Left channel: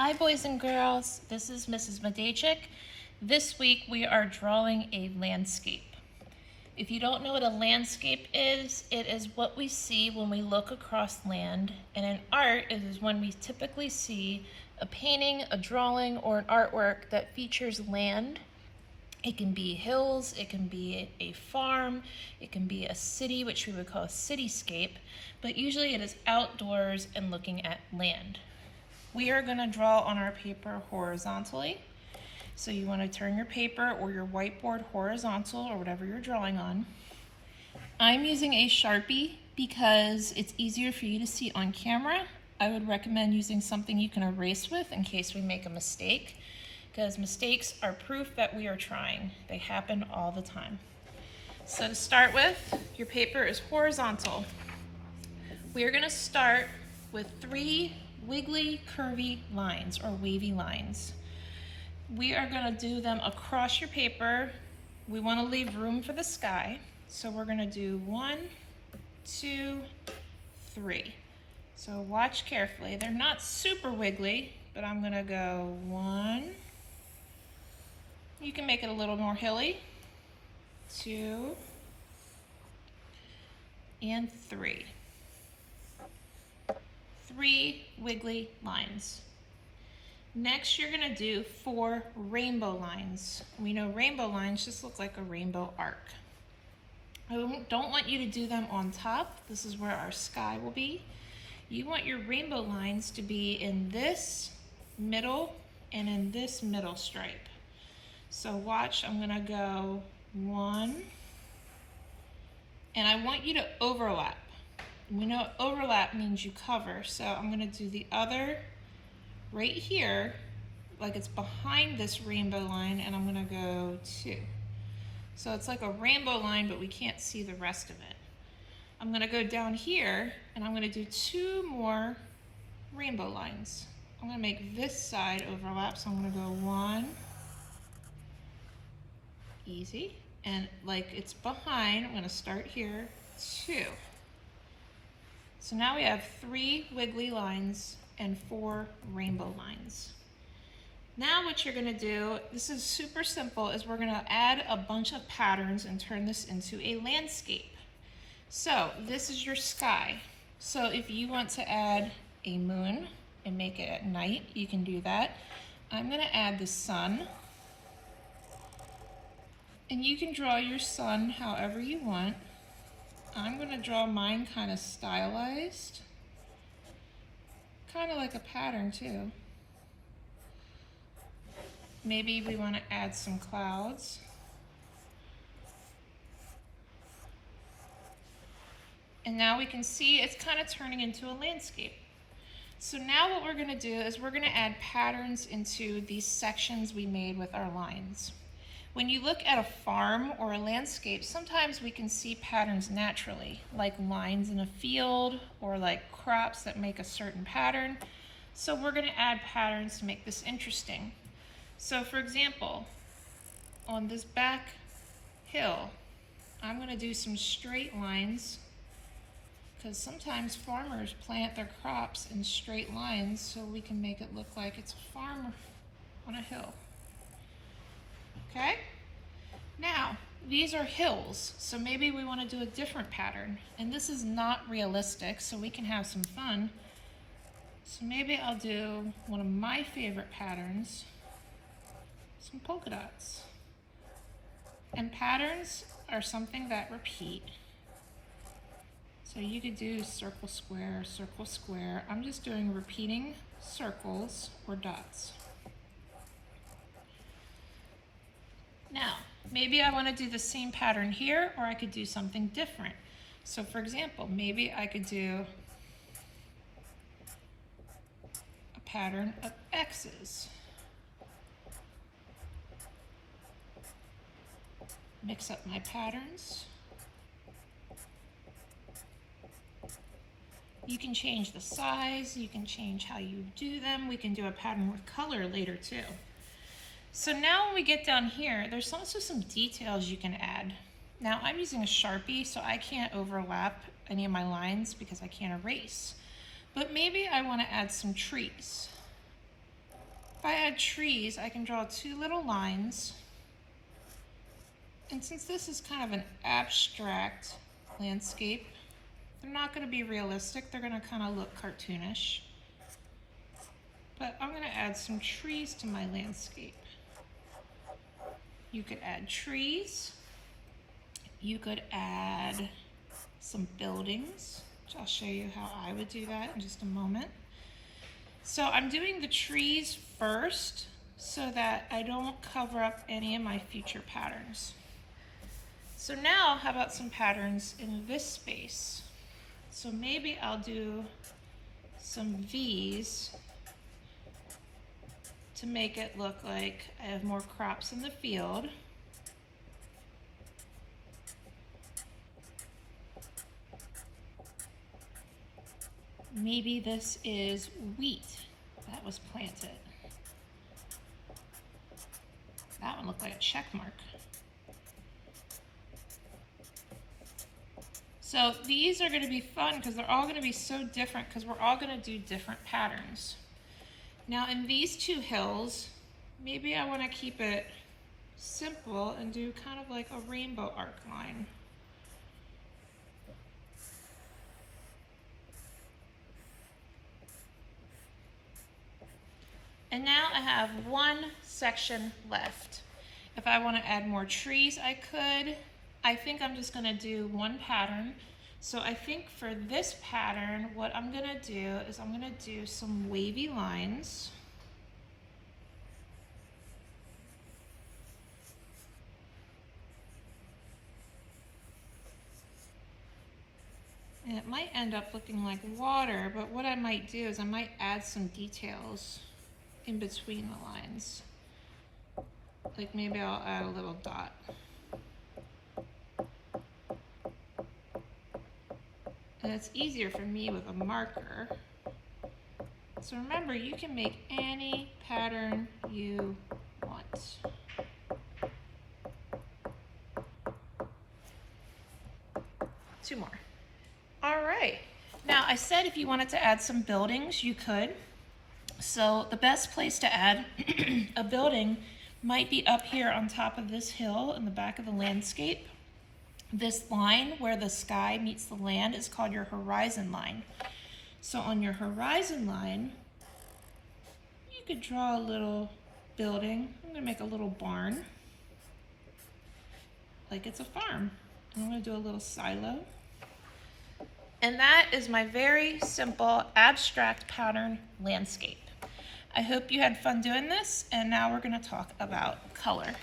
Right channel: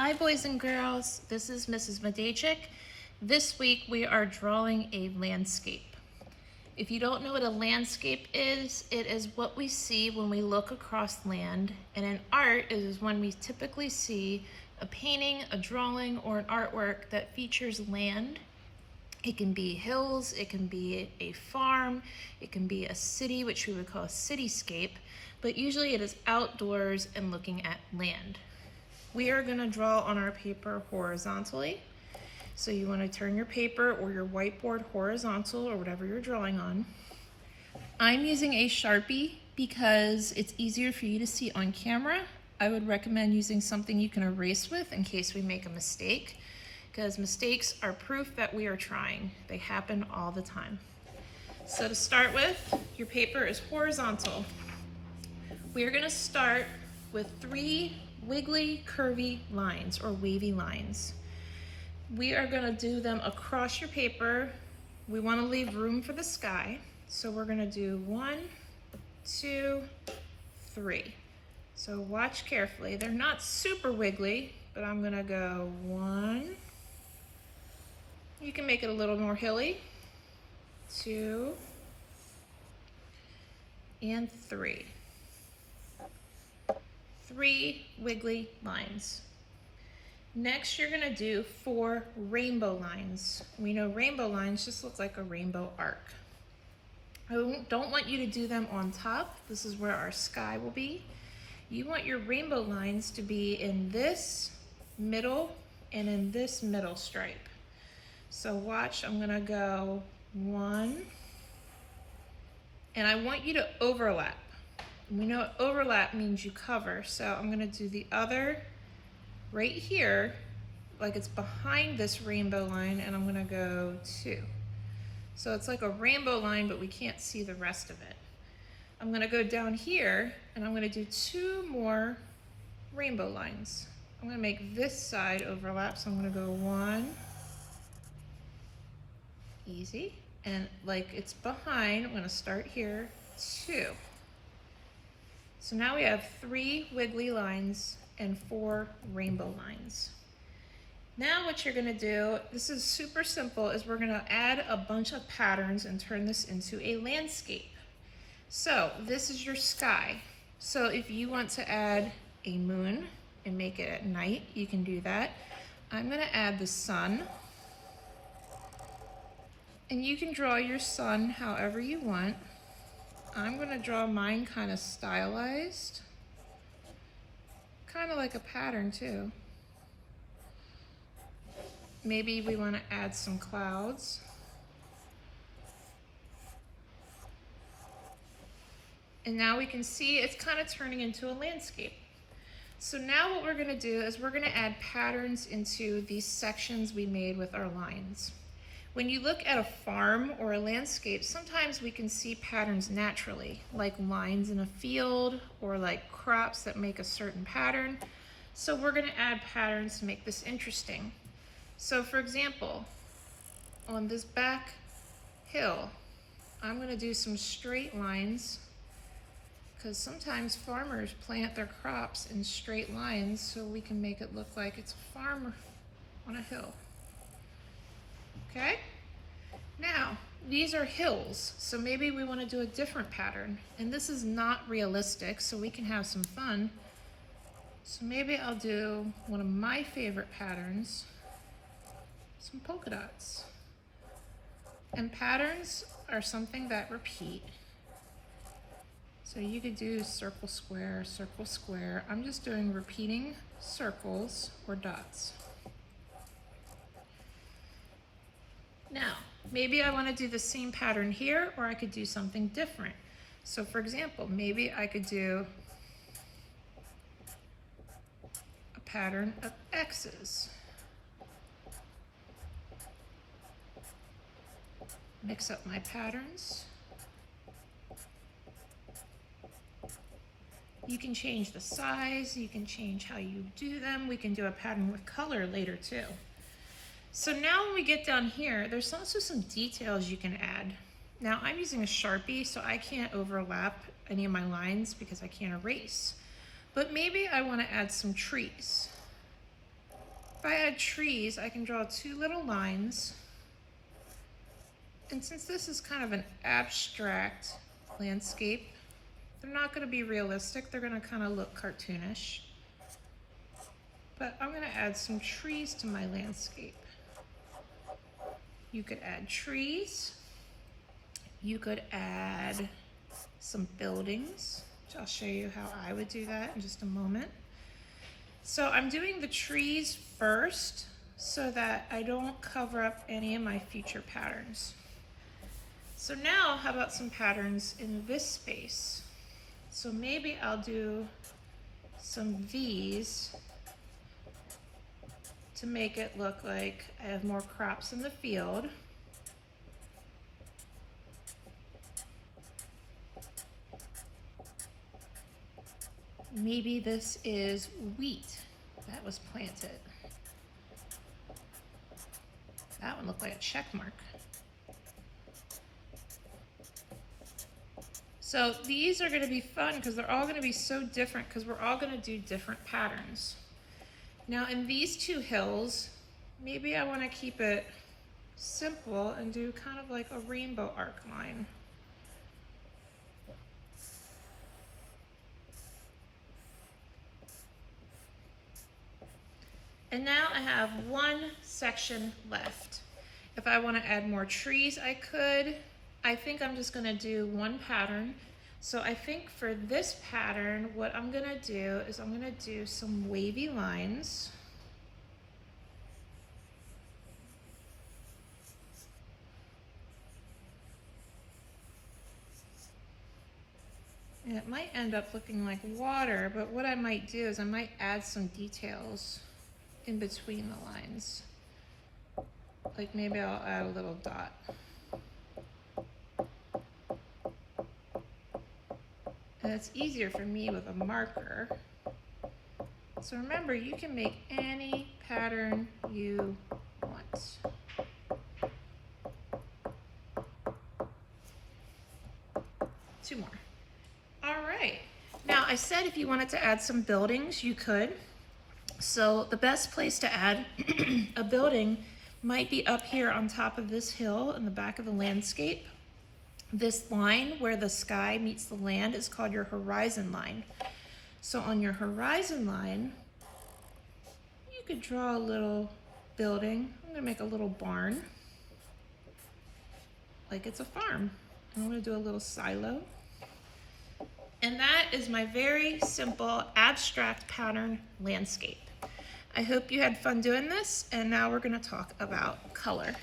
Hi boys and girls, this is Mrs. Medachik. This week we are drawing a landscape. If you don't know what a landscape is, it is what we see when we look across land, and in art it is when we typically see a painting, a drawing, or an artwork that features land. It can be hills, it can be a farm, it can be a city, which we would call a cityscape, but usually it is outdoors and looking at land. We are going to draw on our paper horizontally. So you want to turn your paper or your whiteboard horizontal or whatever you're drawing on. I'm using a Sharpie because it's easier for you to see on camera. I would recommend using something you can erase with in case we make a mistake, because mistakes are proof that we are trying. They happen all the time. So to start with, your paper is horizontal. We are going to start with 3 wiggly, curvy lines or wavy lines. We are going to do them across your paper. We want to leave room for the sky. So we're going to do 1, 2, 3. So watch carefully. They're not super wiggly, but I'm going to go 1. You can make it a little more hilly. 2 and 3. 3 wiggly lines. Next, you're going to do 4 rainbow lines. We know rainbow lines just look like a rainbow arc. I don't want you to do them on top. This is where our sky will be. You want your rainbow lines to be in this middle and in this middle stripe. So watch, I'm going to go 1, and I want you to overlap. We know overlap means you cover, so I'm going to do the other right here, like it's behind this rainbow line, and I'm going to go 2. So it's like a rainbow line, but we can't see the rest of it. I'm going to go down here, and I'm going to do 2 more rainbow lines. I'm going to make this side overlap, so I'm going to go 1, easy, and like it's behind, I'm going to start here, 2. So now we have 3 wiggly lines and 4 rainbow lines. Now what you're going to do, this is super simple, is we're going to add a bunch of patterns and turn this into a landscape. So this is your sky. So if you want to add a moon and make it at night, you can do that. I'm going to add the sun. And you can draw your sun however you want. I'm going to draw mine kind of stylized, kind of like a pattern too. Maybe we want to add some clouds. And now we can see it's kind of turning into a landscape. So now what we're going to do is we're going to add patterns into these sections we made with our lines. When you look at a farm or a landscape, sometimes we can see patterns naturally, like lines in a field or like crops that make a certain pattern. So we're going to add patterns to make this interesting. So for example, on this back hill, I'm going to do some straight lines, because sometimes farmers plant their crops in straight lines so we can make it look like it's a farm on a hill. Okay? Now, these are hills, so maybe we want to do a different pattern. And this is not realistic, so we can have some fun. So maybe I'll do one of my favorite patterns, some polka dots. And patterns are something that repeat. So you could do circle, square, circle, square. I'm just doing repeating circles or dots. Now, maybe I want to do the same pattern here, or I could do something different. So for example, maybe I could do a pattern of X's. Mix up my patterns. You can change the size, you can change how you do them. We can do a pattern with color later too. So now when we get down here, there's also some details you can add. Now I'm using a Sharpie, so I can't overlap any of my lines because I can't erase. But maybe I want to add some trees. If I add trees, I can draw two little lines. And since this is kind of an abstract landscape, they're not going to be realistic. They're going to kind of look cartoonish. But I'm going to add some trees to my landscape. You could add trees. You could add some buildings, which I'll show you how I would do that in just a moment. So I'm doing the trees first so that I don't cover up any of my future patterns. So now, how about some patterns in this space? So maybe I'll do some V's to make it look like I have more crops in the field. Maybe this is wheat that was planted. That one looked like a check mark. So these are going to be fun because they're all going to be so different because we're all going to do different patterns. Now in these two hills, maybe I want to keep it simple and do kind of like a rainbow arc line. And now I have one section left. If I want to add more trees, I could. I think I'm just going to do one pattern. So I think for this pattern, what I'm going to do is I'm going to do some wavy lines. And it might end up looking like water, but what I might do is I might add some details in between the lines. Like maybe I'll add a little dot. And it's easier for me with a marker. So remember, you can make any pattern you want. Two more. All right. Now I said if you wanted to add some buildings, you could. So the best place to add a building might be up here on top of this hill in the back of the landscape. This line where the sky meets the land is called your horizon line. So on your horizon line, you could draw a little building. I'm gonna make a little barn, like it's a farm. I'm gonna do a little silo. And that is my very simple abstract pattern landscape. I hope you had fun doing this, and now we're gonna talk about color.